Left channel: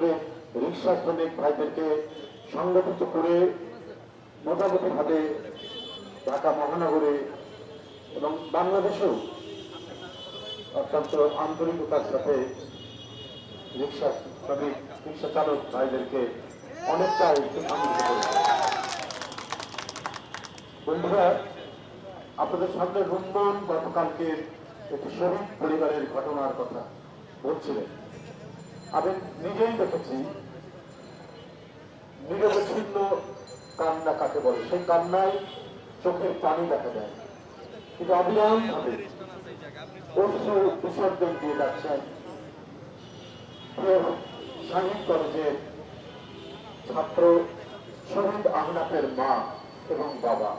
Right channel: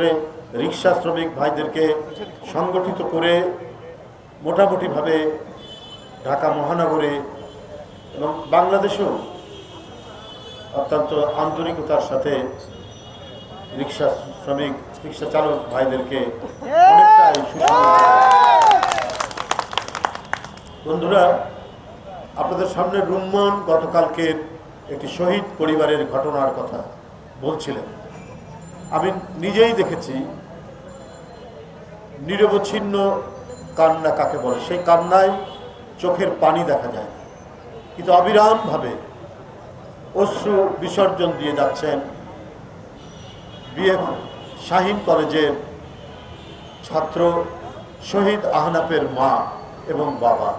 করে রিক্সা শ্রমিক ভাইদেরকে সংগঠিত করে মোটামুটিভাবে ঢাকা মহানগরে এবং বাংলাদেশেও অত্যন্ত আন্তরিকতার সাথে রিক্সা শ্রমিক রিক্সা চালক ভাইদেরকে অনেকটাই বন্ধুরা, আপনাদের সামনে রুম্মন গতকালকের একটি শহীদ পরিবারের ঘটনার কথা বলছিলেন। আমি নিজেই দেখেছি নিরবচ্ছিন্ন কান্না কাকে বলে, সেই কান্নায় চোখের পানি দেখা যায়, কিন্তু অবিরামভাবে অশ্রু বিসর্জন দিয়ে যাচ্ছেন বিএম শাহীন কলেজের ছাত্র শহীদ আহনাফের মা এবং বাবা।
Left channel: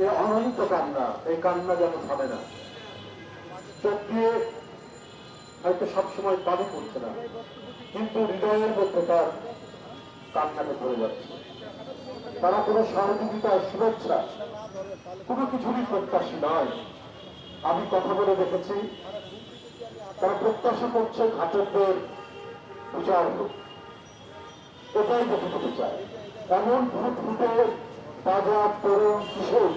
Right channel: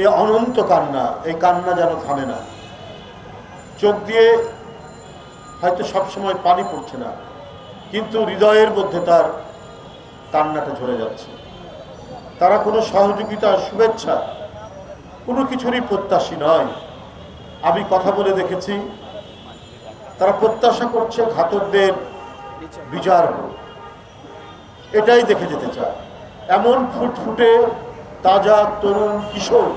এই অনন্ত কান্না, এই কান্না যেন থামে না। চোখ দিয়ে হয়তো সবসময় পানি পড়ছে না, কিন্তু হৃদয়ের মধ্যে তার কান্নাটা ঝরে যাচ্ছে। তারা কোনো সহযোগিতা, শুভেচ্ছা, কোনো কিছুরই প্রত্যাশী নয়। আমি কথা বলে দেখেছি, তারা প্রত্যাশা করছে ঘাতকদের বিচার হোক, এটাই দেখে যেতে চায়। এমন ফুটফুটে তাজা তরুণ কিশোর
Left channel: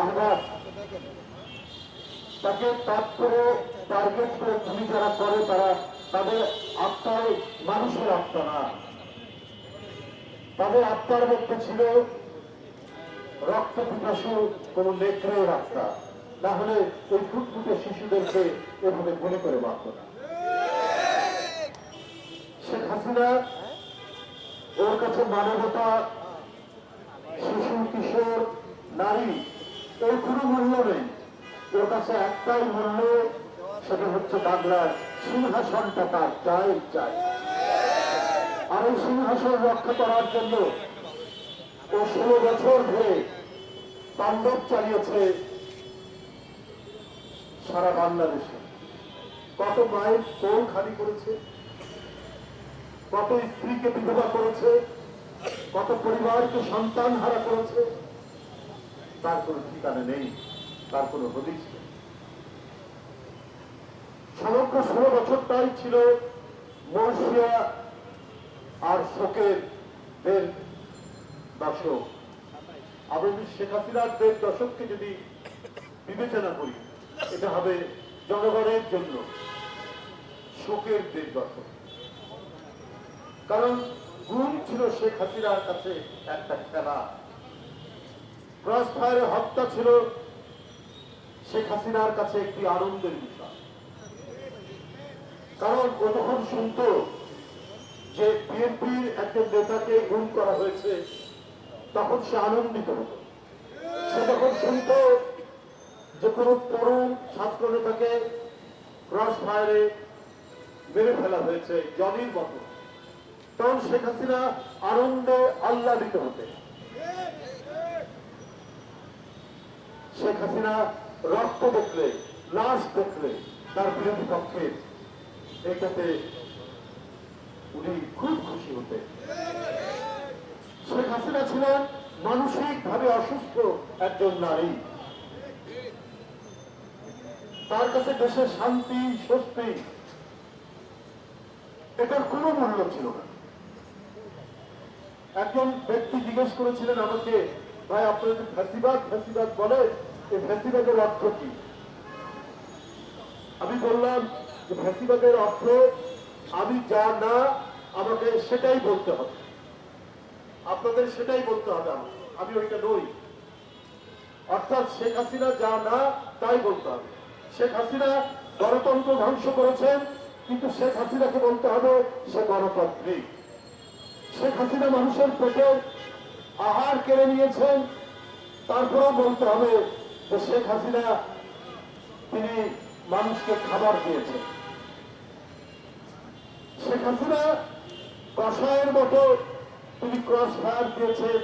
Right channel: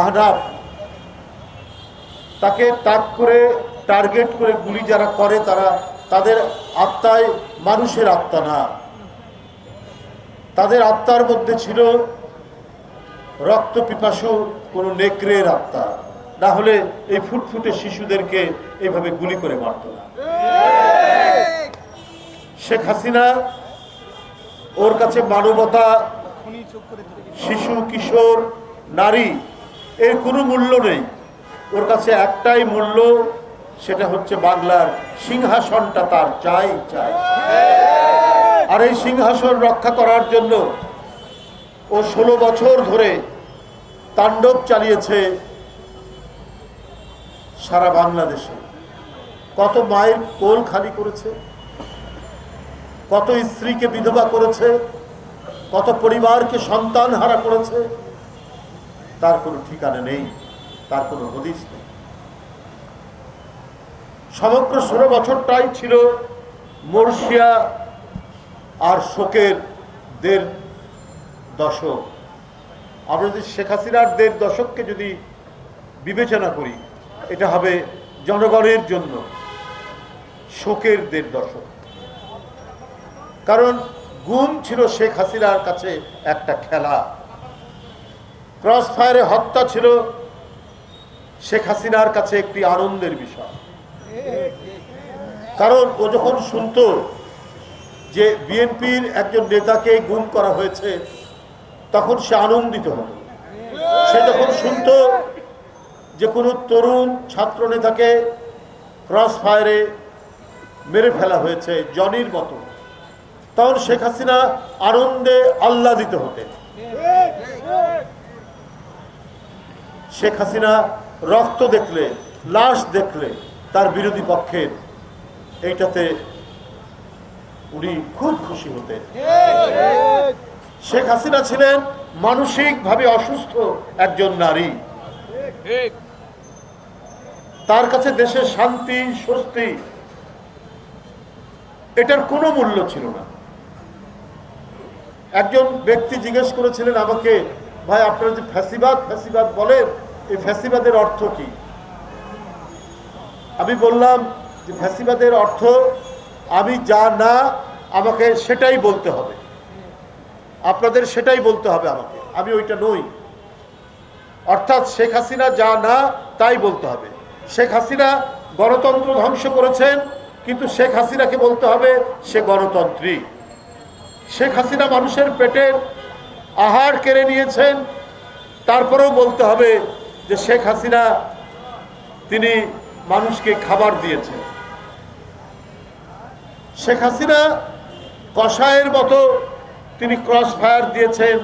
আহনাফ, তাকে তাক করে টার্গেট করে গুলি যারা করে, তাদের আত্মায় মানুষের আত্মা না, তাদের আত্মার মধ্যে ছিল রক্ত পিপাসু কোনো নেকড়ের আত্মা। না হলে এই ফুটফুটে শিশুদেরকে এইভাবে গুলি করে মারত না। শেখ হাসিনা, ওর কাছে মানবতা, শিশু, কিশোর, নারী এর কোনো মূল্য নেই। ওর কাছে একটাই মূল্য, সেটা হচ্ছে বাংলার সিংহাসনটা তার চাই চাই। আর এই সিংহাসন রক্ষা করার জন্য ও 16 বছর ধরে তাণ্ডব চালিয়েছে সারা বাংলাদেশে। কত মায়ের কোল খালি করেছে, কত স্ত্রীকে বিধবা করেছে, কত পরিবারকে সন্তান হারা করেছে, তার কোনো ঠিকানা নেই, তার কোনো হদিস নেই। সমগ্র 16 বছরটাই ছিল মরশিয়া আর শোকের 1.5 দশক। আমরা যদি শেখ হাসিনার 1.5 দশককে যদি বিবেচনা করি, এটা হবে জনগণের জন্য শোকের 1.5 দশক। কারণ গুম ছিল শেখ হাসিনার কাছে একটা খেলা, ক্রস ফায়ারে হত্যা ছিল শেখ হাসিনার কাছে একটি আনন্দের বিষয়। কারণ ও যখন শুনতো যে বিএনপির একজন নেতাকে গুম করা হয়েছে, তখন সে আনন্দিত হতো। সে যখন শুনতো যে কোনো তরুণ ছাত্র নেতাকে ক্রস ফায়ারে মেরে ফেলা হয়েছে জনির মতো, তখন শেখ হাসিনা আনন্দে আহ্লাদিত হতেন। শেখ হাসিনা রক্ত দেখলে, লাশ দেখলে তার বিরোধী পক্ষের, এইটাতে উনি খুব খুশি হতেন। শেখ হাসিনা ছিলেন মানসিকভাবে অসুস্থ একজন নারী। তার কাছে দেশের শান্তি, স্বস্তি, এটার কোনো মূল্য ছিল না। একজন ব্যক্তি জিজ্ঞেস করেছিলেন আমাকে, ভাই আপনারা যে ফ্যাসিবাদ ফ্যাসিবাদ বলেন, এই ফ্যাসিবাদের অর্থ কি? আমি বললাম যে ফ্যাসিবাদের অর্থ আমি যা না, আমাকে সেটাই বলতে হবে, আপনাদের সেটাই বলতে হবে আমাকে, আমি ওইটা নই। অর্থাৎ শেখ হাসিনা যা না তাই বলতে হবে। শেখ হাসিনা গণতন্ত্র ধ্বংস করেছেন, কিন্তু শেখ হাসিনাকে বলতে হবে সে গণতন্ত্রী। শেখ হাসিনা মানুষের পেটের আহার কেড়ে নিয়েছেন, তারপরেও বলতে হবে যে শেখ হাসিনা তিনি মানুষকে খাবার দিয়েছেন। শেখ হাসিনা কসাইয়ের মতো তিনি ক্রস ফায়ার দিয়েছেন,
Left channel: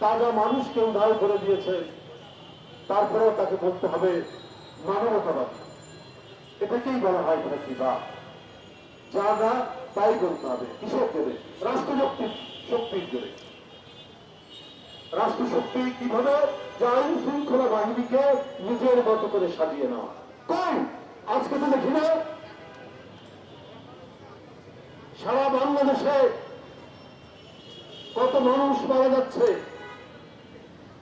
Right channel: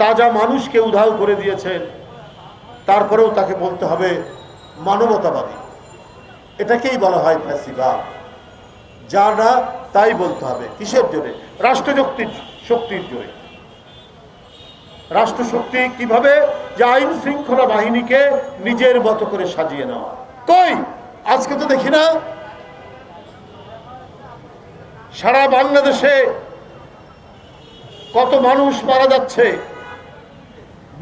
তাজা মানুষকে উধাও করে দিয়েছেন, তারপরেও তাকে বলতে হবে মানবতাবাদী। এটাকেই বলা হয় ফ্যাসিবাদ। যা না তাই বলতে হবে। কিসের জন্য? রাষ্ট্রশক্তির জন্য। রাষ্ট্রশক্তি কিভাবে? যে আইন শৃঙ্খলা বাহিনীকে নিজের মতো করে সাজিয়ে নেওয়া। কই আজকে তো দেখি না সারা বাংলাদেশে কত মানুষ মারা যাচ্ছে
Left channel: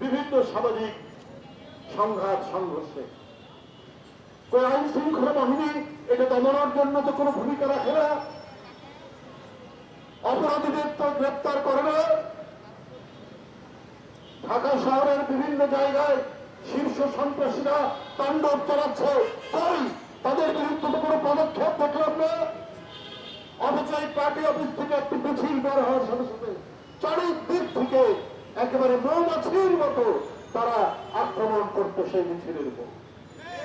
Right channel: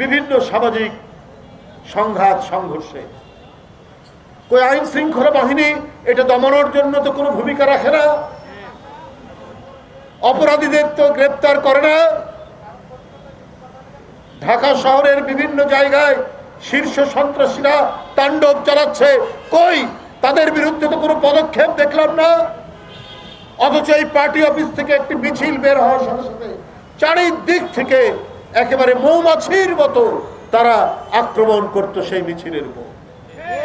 বিভিন্ন সামাজিক সংঘাত সংঘর্ষে। কই আইন শৃঙ্খলা বাহিনী এটা দমনের জন্য তো কোনো ভূমিকা রাখে না, অপরাধীদের তো গ্রেপ্তার করে না। ঢাকা শহরের বিভিন্ন জায়গায় শীর্ষ সন্ত্রাসীরা তাণ্ডব চালাচ্ছে, কই তাদের বিরুদ্ধে তো কোনো পদক্ষেপ দেখলাম না। অথচ এই পার্টি অফিস থেকে একটি মিছিল বের হওয়ার সাথে সাথে চারিদিক থেকে একেবারে মৌমাছির মতো তারা আক্রমণ করত সেই মিছিলের উপর।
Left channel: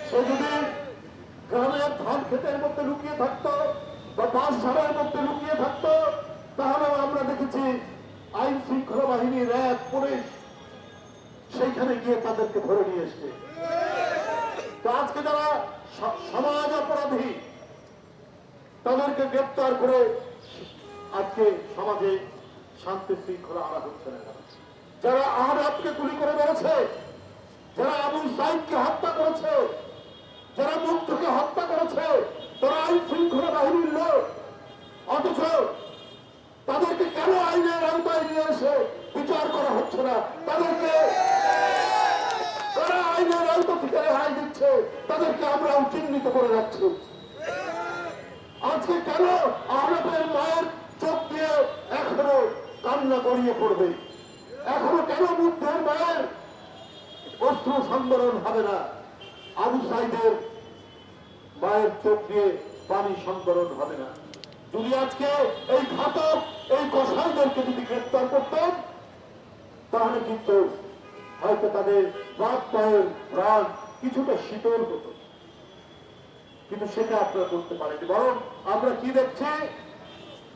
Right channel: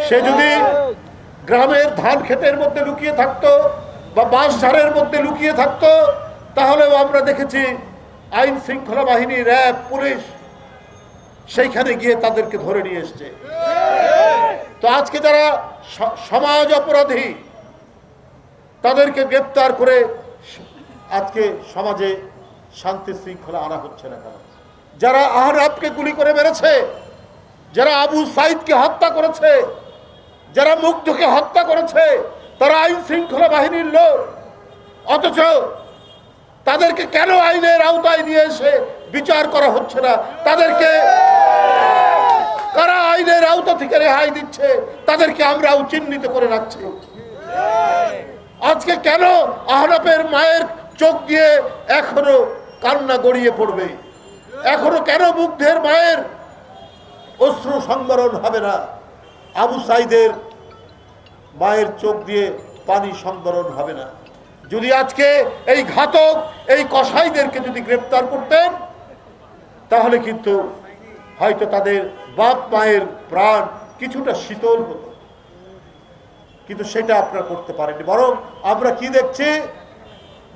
সে যদি গ্রামের ধান ক্ষেতের মধ্যে লুকিয়ে থাকতো বা বাঁশঝাড়ের মধ্যে লুকিয়ে থাকতো, তাহলেও আমরা দেখেছি আইন শৃঙ্খলা বাহিনী, র্যাব, পুলিশ সেইখানে গিয়ে তাদেরকে ধরে নিয়ে এসছে। তো আজকে যারা সমাজ অপরাধী তাদেরকে গ্রেপ্তার করে আজকে সমাজে শান্তি শৃঙ্খলা আনা হচ্ছে না কেন? যারা আহরাবকে গুলি করে মেরেছে, যারা আবু সাইদকে হত্যা করেছে, যারা মুগ্ধকে হত্যা করেছে, তারা আইন শৃঙ্খলা বাহিনীর লোক। অথচ তাদেরকে কেন আইনের আওতায় নিয়ে এসে বিচার করা হচ্ছে না? তাদেরকে কারা আইনের আওতা থেকে রেহাই দিচ্ছে, তাদেরকে আমরাও চিহ্নিত করে রাখছি। আজকে কেন আহরাবের মায়ের চোখ দিয়ে এখনো কান্না গড়িয়ে পড়বে? এখনো কেন মুগ্ধের মায়ের অশ্রু সংবরণ হবে না? আবু সাইদের মায়ের চোখ দিয়ে পানি সংবরণ হবে না? যদি আজকে এই ঘাতক, এই কসাইদেরকে যদি গ্রেপ্তার করতেন, তাহলে কিন্তু হয়তো তাদের বাপ মায়ের প্রাণ কিছুটা শীতল হতো। কিন্তু সেটা আপনারা করতে পারেননি। বরং আমরা কি দেখছি,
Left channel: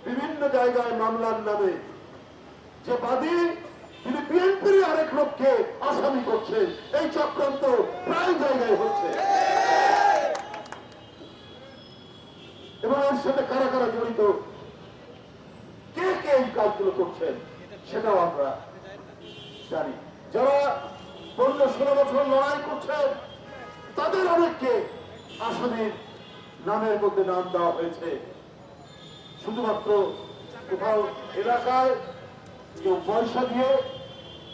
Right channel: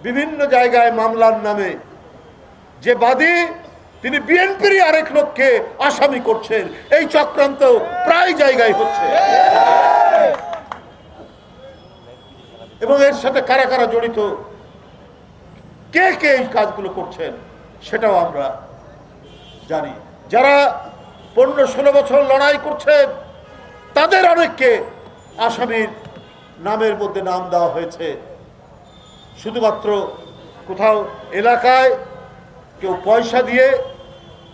বিভিন্ন জায়গায় মামলার নামে যে বাদী, তিনি বিএনপির আরেক লোককে আসামি করছেন। এই চক্রান্ত প্রায় জায়গায় হচ্ছে এবং এর সাথে কারা কারা জড়িত, কে কে এই কাজগুলো করছেন সেটাও আমরা জানি। যারা 15-16 বছর লড়াই করছেন তাদের অনেককে আসামির নামের মধ্যে নাম দেওয়া হয়েছে। শুধুমাত্র কোথাও এলাকায় কেউ পয়সা দিয়ে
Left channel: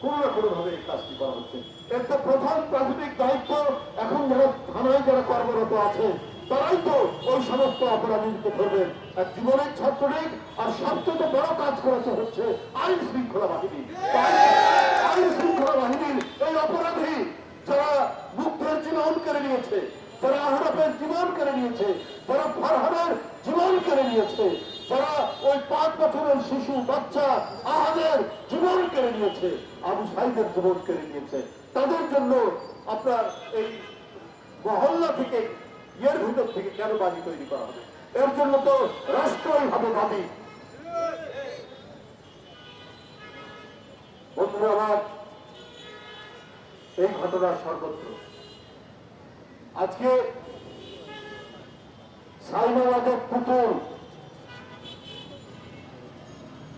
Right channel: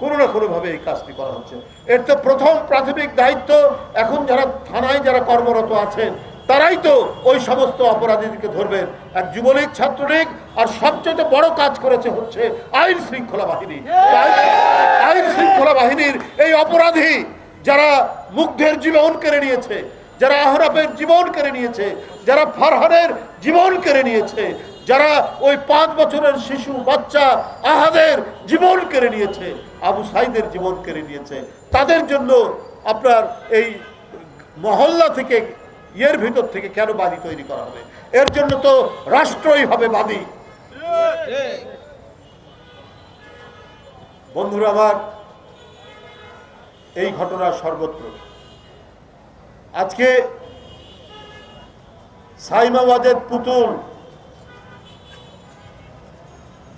কোনো না কোনোভাবে এই কাজটি করা হচ্ছে। এর তো প্রথম প্রাথমিক দায়িত্ব এখন যারা থানায় যারা কর্মরত আছেন তারাই তো ওই সমস্ত অপরাধীদেরকে ধরবেন। এক যুবলীগ, ছাত্রলীগ, আর সবচেয়ে বড় কাজ করেছে হচ্ছে আইন শৃঙ্খলা বাহিনী। আইন শৃঙ্খলা বাহিনীর এই অপরাধী যারা মুগ্ধের জীবন কেড়ে নিয়েছে, যারা আহরাবের জীবন কেড়ে নিয়েছে, যারা ফারহানের জীবন কেড়ে নিয়েছে, যারা ওই 5 বছরের শিশু বাচ্চা আহাদের জীবন কেড়ে নিয়েছে, আবু সাইদের জীবন কেড়ে নিয়েছে, তাদের জন্য আপনার এই মহল্লা থেকে, এর ভিতর থেকে কেন বাদী তৈরি করা হবে? এর জন্য তো রাষ্ট্রই হবে বাদী। বন্ধুরা আমার, এই ঘটনা সর্বত্র। আজকে সাইমা ওয়াজেদ পুতুল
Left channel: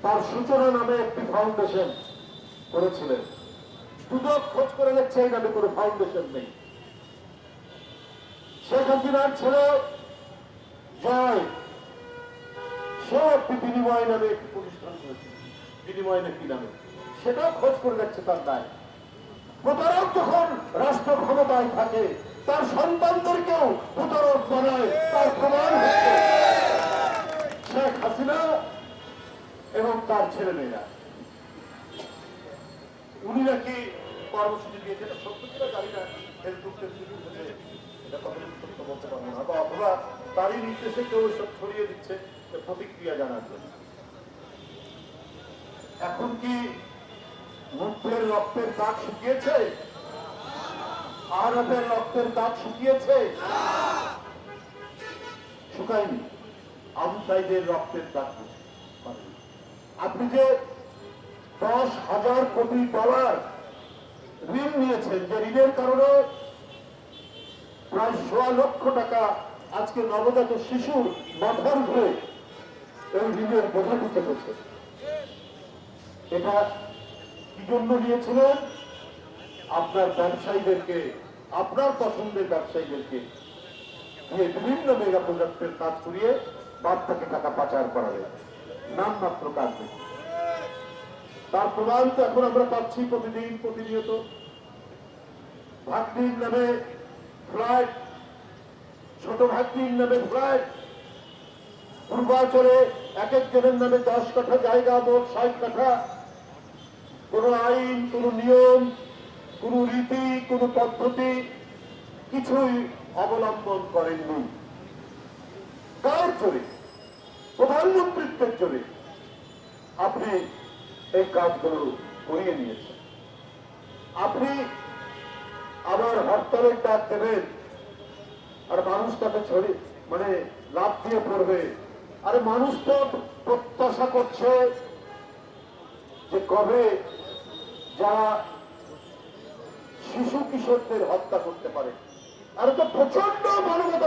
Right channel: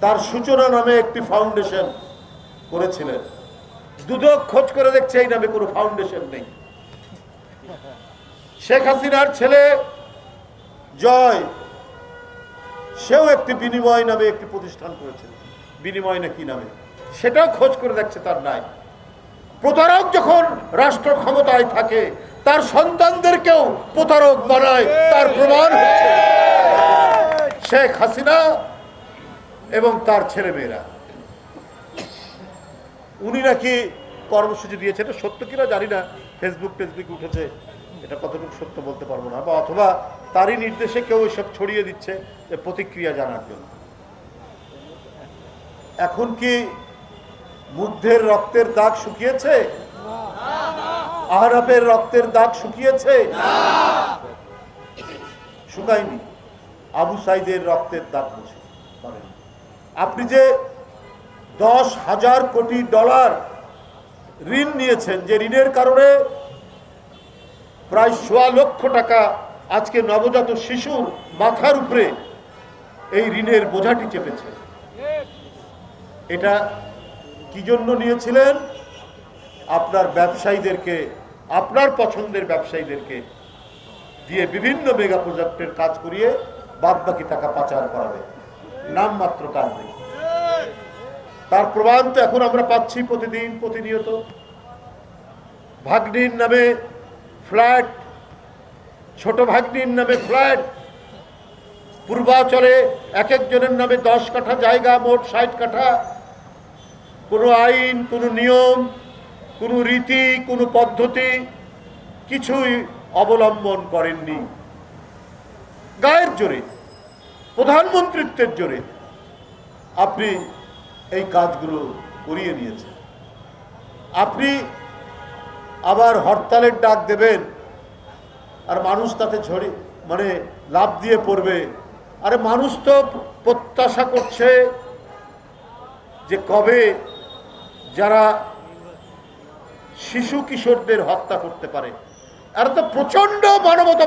তার সূচনা নামে একটি ফাউন্ডেশন করেছিলেন। দুদক খোঁজ করে দেখছে এই নামে কোনো ফাউন্ডেশন নেই। শেখ হাসিনার ছেলে জয়, সেও একটি বিনিময় নামে একটি প্রতিষ্ঠান করেছে। বিনিময় না কি নামে, সেটাও খোঁজ করে দেখছে, তার নাই। প্রতারক যখন রাষ্ট্র ক্ষমতায় থাকে তার সন্তানদেরকেও প্রতারক বানায়, তার প্রমাণ হচ্ছে শেখ হাসিনা এবং তার ছেলেমেয়েরা। উনি নাকি কর্মসূচি দিয়েছে, এটা সত্য কিনা জানি না, ফেসবুক উঠেছে, এটা কতটুকু সত্য বলতে পারবো না, বা অথবা তারই নির্দেশে কেউ এসব ছড়িয়ে দিচ্ছে প্রতিক্রিয়া জানার জন্য। এখন কি মুগ্ধের রক্তের দাগ শুকিয়েছে? আহরাবের রক্তের দাগ শুকিয়েছে? শুকায়নি। আবু সাইদের রক্তের দাগ বসে। আপনি যে $10,000 কোটি ঋণ নিয়েছেন, যে ঋণের কারণে প্রায় 1.25 লক্ষ টাকা আজকে নবজাত শিশুর মাথার উপরে এই ঋণের বোঝাটি চেপেছে, এটা কি জন্য নিয়েছিলেন? আপনার ব্যবসায়ীদেরকে, আপনার পছন্দের ব্যবসায়ীদেরকে দিয়ে বিভিন্ন মেগা প্রজেক্টের কাজ করিয়ে বাদবাকি টাকা পাচার করাবে। নামমাত্র কাজ নেই। তার প্রমাণ তো এখন আমরা পাচ্ছি প্রতিদিন প্রতিনিয়ত। ভাগ্নির নামে ফ্ল্যাট, ছোট ভাগ্নির নামে ফ্ল্যাট, পূর্বাচলে এক একজনের নামে 10 কাঠা জায়গা, মোট 60 কাঠা। কোনো আইন, কোনো নিয়ম, কোনো রীতি, কোনো পদ্ধতি কিছুই অবলম্বন করেননি। গায়ের জোরে, প্রধানমন্ত্রিত্বের জোরে আপনি এই কাজগুলো করিয়ে নিয়েছেন। আপনি আবার হরতালের ডাক দেবেন আর মানুষ তাতে লাফ দিয়ে পড়বে। আরে মানুষ তো প্রত্যাশা করছে যে কবে যারা শিশু কিশোরদের হত্যা করতে পারে, এরা তো প্রচন্ড মানবতা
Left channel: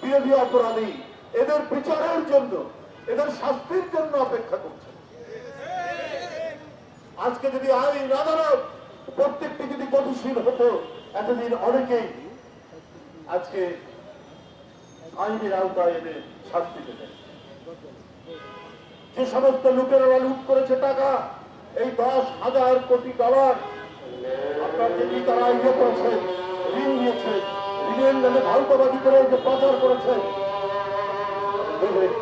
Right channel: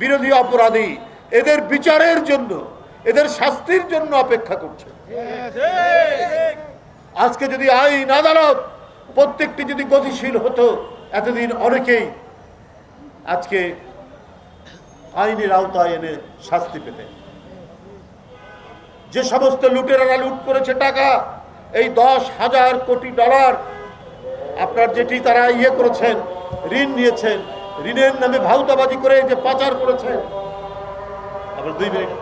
বিরোধী অপরাধী, এদের বিচারের জন্য, এদের শাস্তির জন্য অপেক্ষা করছে। আজকে যদি আইন আদালত প্রত্যেকটি যদি গতিশীল হতো, এতদিন অনেকেই আজকে আইনের আওতায় এনে শাস্তি পেতেন। যে সমস্ত লুটেরারা লুট করেছে টাকা, এই 10,000 কোটি ডলার, আপনার যেটি তারা করেছেন, ঋণ নিয়েছেন, ঋণের নামে ভাউতাবাজি করে যে পাচার করেছেন। 2 মিনিট।